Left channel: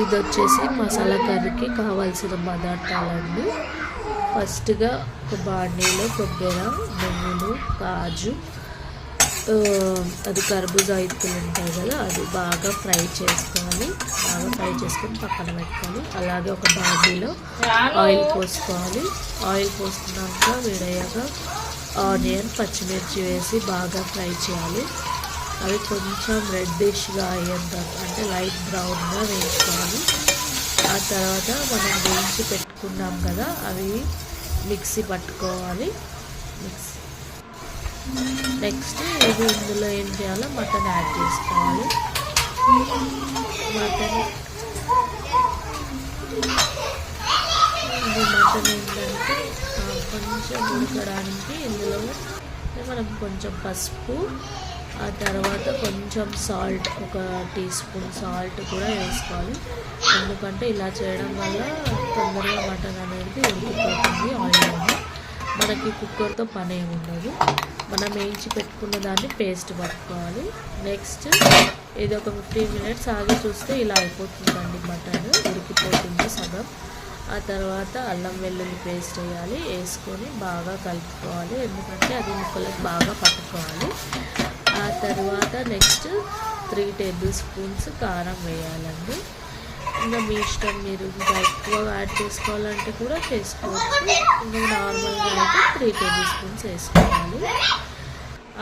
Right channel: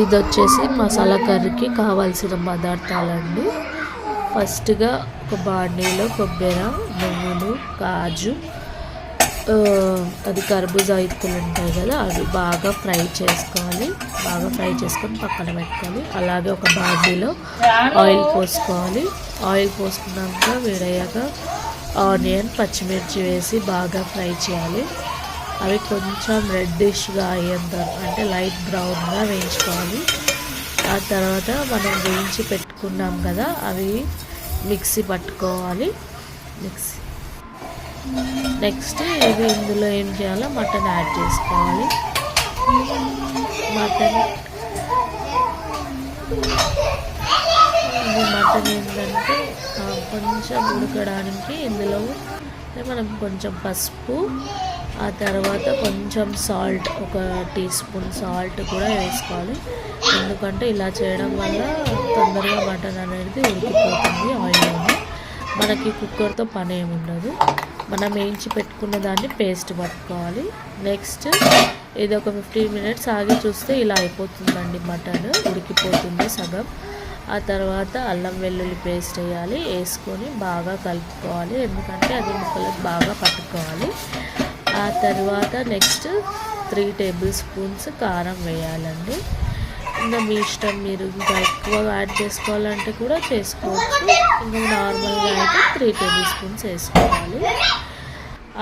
ఇది వచ్చేసి మసాలా కర్రీకి కావాల్సిన పదార్థాలండి. ఫస్ట్గా ఒక బాండీలో కొబ్బరి, నువ్వులు, కాజు, అది కర్బూజా ఇత్తులు ఉంటాయి కదా, అవి బాగా ఫ్రై చేసుకోవాలి. బాగా ఫ్రై చేసుకొని పక్కన పెట్టుకోవాలి. అలాగే ఒక బాండీలో ఆయిల్ పోసుకోవాలి. ఆయిల్ పోసుకున్నాక వేడయ్యాక ఆనియన్, పచ్చిమిర్చి వేసి బాగా ఫ్రై చేయాలి. అవి కొంచెం రెడ్డిష్గా అయ్యేంత, అంటే లైట్ బ్రౌన్గా వేయించుకోవాలి. ఆ తర్వాత మనం వేయించి పెట్టుకున్నాం కదా, అవి మిక్సీ పట్టుకోవాలి. నెక్స్ట్ ఇవి ఇందులో ఏం చేయాలో మటన్ యాడ్ చేసుకోవాలి. మటన్ ఏంటంటే కొంచెం ఉడకడానికి ఇందులో మనం కొంచెం పసుపు, ఆ తర్వాత కొంచెం సాల్ట్, ఒక టీ స్పూన్ సాల్ట్ కూడా వేసుకోవాలి. ఎందుకంటే ఇలా చేయడం వల్ల తొందరగా మటన్ అనేది ఉడికిపోతుంది ఆయిల్లోనే. మనకి కుక్కర్తో పని ఏమి ఉండదు. మనం వేయించి పెట్టుకున్న దాన్ని పేస్ట్ పట్టుకోవాలి. నెక్స్ట్ ఇది ఒక 15 మినిట్స్ ఆగి చూస్తే ఇలా అయిపోతుందండి, మటన్ ఉడికిపోతుంది సగం. ఆ తర్వాత అల్లం వెల్లుల్లి పేస్ట్ వేసుకొని బాగా కలుపుకోవాలి. ఎందుకంటే అది ముక్కలకు బాగా పట్టుకోవాలి. ఆ తర్వాత నెక్స్ట్ 3 టేబుల్ స్పూన్స్ కారం వేయాలండి. ఇంకా మీ ఇష్టం, మీరు ఇంకా ఎక్కువగా యాడ్ చేసుకోవాలంటే కూడా చేసుకోవచ్చు. ఇంకా నార్మల్గా అయితే 3 టేబుల్ స్పూన్స్ వేసుకోవాలి.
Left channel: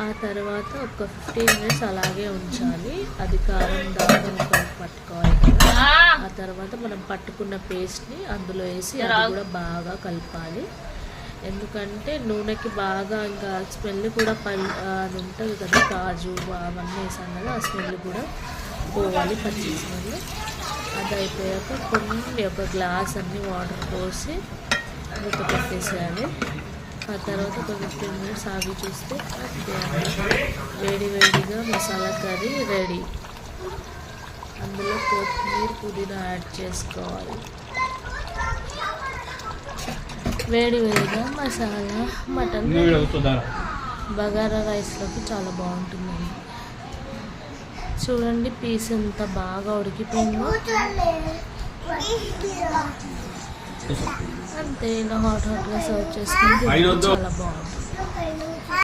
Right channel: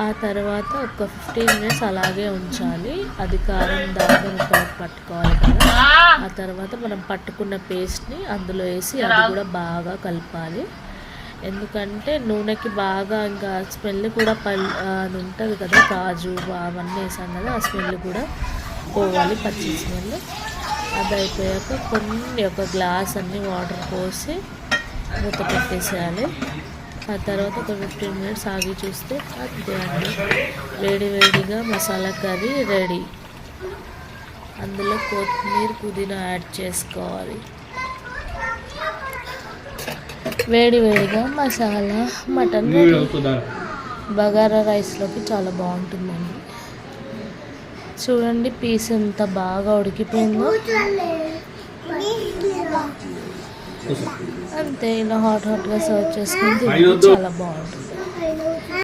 ఆ తర్వాత ఒక 15 మినిట్స్ అలాగే ఉంచాలి. అది కారం దాకా ముక్కలకు పట్టుకోవాలి కదా. ఆ తర్వాత మనం పట్టుకున్న పేస్ట్ని అందులో వేసి అది కూడా బాగా కలపాలి. ఎందుకంటే నూనెకి బాగా ఇంకా స్మెల్ కూడా అది ఉంటుంది కదా, కాజు అవన్నీ వేసాం కదా, ఆ స్మెల్ కూడా పోవాలి, పచ్చి స్మెల్. అది అయిపోయాక ఒక గ్లాస్ అన్ని వాటర్ పోసి మూత పెట్టేసేయాలి. ఆ తర్వాత ఒక 15 మినిట్స్ ఆగి చూస్తే అంతే అండి, వేడిగా మసాలా కర్రీ రెడీ. అందులో కొత్తిమీర, పుదీనా యాడ్ చేసుకోవాలి. వేడిగా మసాలా మటన్ బగారా రైస్లోకి చాలా బాగుంటుందండి. చూడండి పీస్ ఎంత బాగా ఉడికిపోయిందో. అంతే, ఇలా హాట్గా సర్వ్ చేసుకుంటే చాలా బాగుంటుంది.